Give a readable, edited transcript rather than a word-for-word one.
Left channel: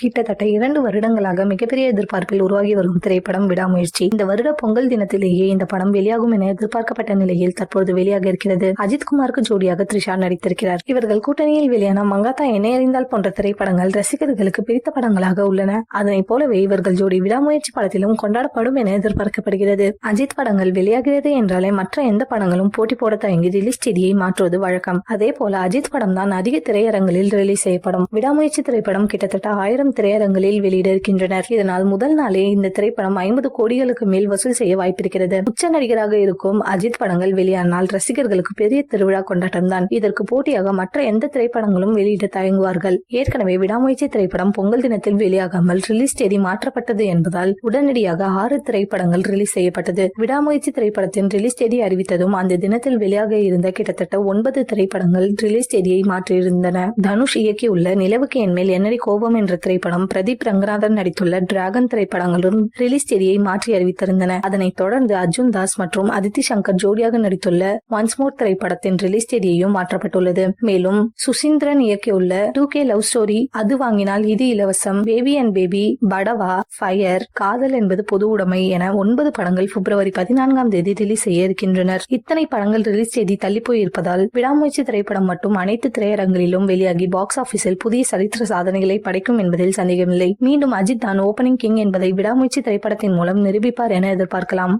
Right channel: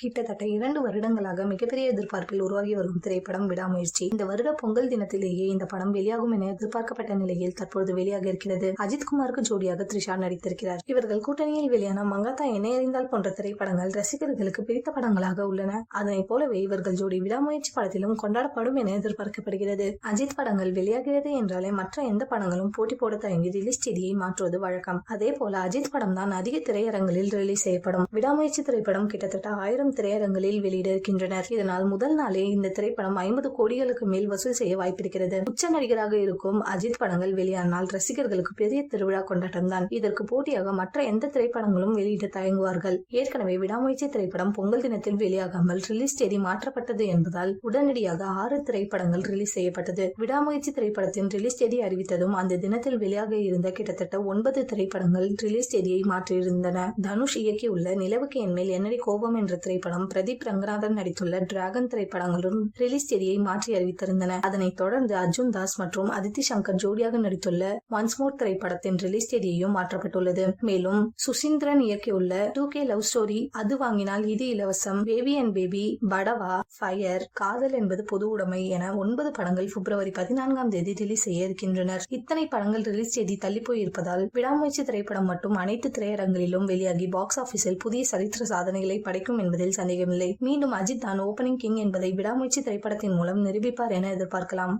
கிட்டத்தட்ட 2 வருடங்களாக மிகப்பெரிய எதிர்பார்ப்பில் உருவாகி வரும் திரைப்படம் விடாமுயற்சி. இந்த வருட பொங்கல் தினத்திலேயே இந்த படம் வெளியாகும் என எதிர்பார்க்கப்பட்ட நிலையில் தற்போது வெளியாக இருக்கிறது. அஜித்குமாருக்கு ஜோடியாக த்ரிஷா நடித்திருக்கிறார். இவர்கள் கூட்டணியில் வெளியான மங்காத்தா என்னை அறிந்தால் போன்ற திரைப்படங்கள் ரசிகர்களுக்கு பிடித்த படங்களாக உள்ளன. அதனை போலவே இவர்கள் ஜோடி விடாமுயற்சி படத்திலும் கொண்டாடப்படும் என எதிர்பார்க்கப்படுகிறது. அஜித் படங்கள் வெளியாகிறது என்றாலே மற்ற எந்த படங்களும் போட்டி போட தயங்கி ரிலீஸ் தேதியை மாற்றுவது வழக்கம். அதே போல அஜித் படம் தான் அதிக திரையரங்களில் ரிலீஸ் செய்யப்படும். விடாமுயற்சி திரைப்படம் கிட்டத்தட்ட 1000 திரையரங்களில் வெளியிட இருக்கின்றனர். இதனால் முதல் நாளே இந்த திரைப்படம் 50 கோடிகளுக்கு மேல் வசூல் செய்ய வாய்ப்பிருக்கிறது. உச்ச நடிகராக இருக்கும் அஜித் படங்கள் வெளியானால் ரசிகர்களுக்கு பெரிய திருவிழா கொண்டாட்டம் தான். இதற்கு போட்டியாக மற்ற எந்த திரைப்படங்களும் வெளியிட தயங்குவார்கள். ஏற்கனவே விடாமுயற்சி திரைப்படம் பொங்கல் தினத்தில் வெளியாகாமல் ரிலீஸ் தேதி மாற்றப்பட்டது என்பதால் உடனடியாக 6 திரைப்படங்கள் ரிலீஸ் செய்யப்பட்டது. விடாமுயற்சி திரைப்படத்தின் ரிலீஸ் தேதி அறிவித்ததும் அந்த தினத்தில் வெளியாக இருந்த கிட்டத்தட்ட 9 திரைப்படங்கள் ரிலீஸ் தேதியை மாற்றியிருந்தன. தனுஷ் இயக்கியுள்ள நிலவுக்கு என்மேல் என்னடி கோபம் என்ற திரைப்படம், பிரதீப் ரங்கநாதன் நடித்துள்ள டிராகன் திரைப்படங்களும் ரிலீஸ் தேதியை மாற்றி அறிவித்திருந்தன. அதனைத் தொடர்ந்து அர்ஜுன் தாஸ் மற்றும் அதித்தி சங்கர் ஜோடியாக நடித்துள்ள ஒன்ஸ் மோர் திரைப்படத்தின் ரிலீஸ் தேதியையும் மாற்றப்பட்டுள்ளது. மேலும் சுசீந்திரன் இயக்கியுள்ள 2K லவ் ஸ்டோரி, அது வாங்கினால் இது இலவசம், baby and baby, Padwa, fire, காதல் என்பது பொது உடைமை என 9 படங்கள் பிப்ரவரி 14ஆம் தேதி ரிலீஸ் செய்ய இருக்கின்றனர். இத்தனை படங்கள் ரிலீஸ் தேதி தள்ளி போயிருப்பதால் விடாமுயற்சி திரைப்படம் மட்டும் அனைத்து திரையரங்களிலும் வெளியாகி பாக்ஸ் ஆபீஸில் புதிய சரித்திர சாதனைகளை படைக்கும் என்பதில் சந்தேகமில்லை. மீண்டும் அஜித் தான் ஓபனிங் கிங் என்பதை விடாமுயற்சி திரைப்படத்தின் மூலம் நிரூபிப்பார் என எதிர்பார்க்கலாம்.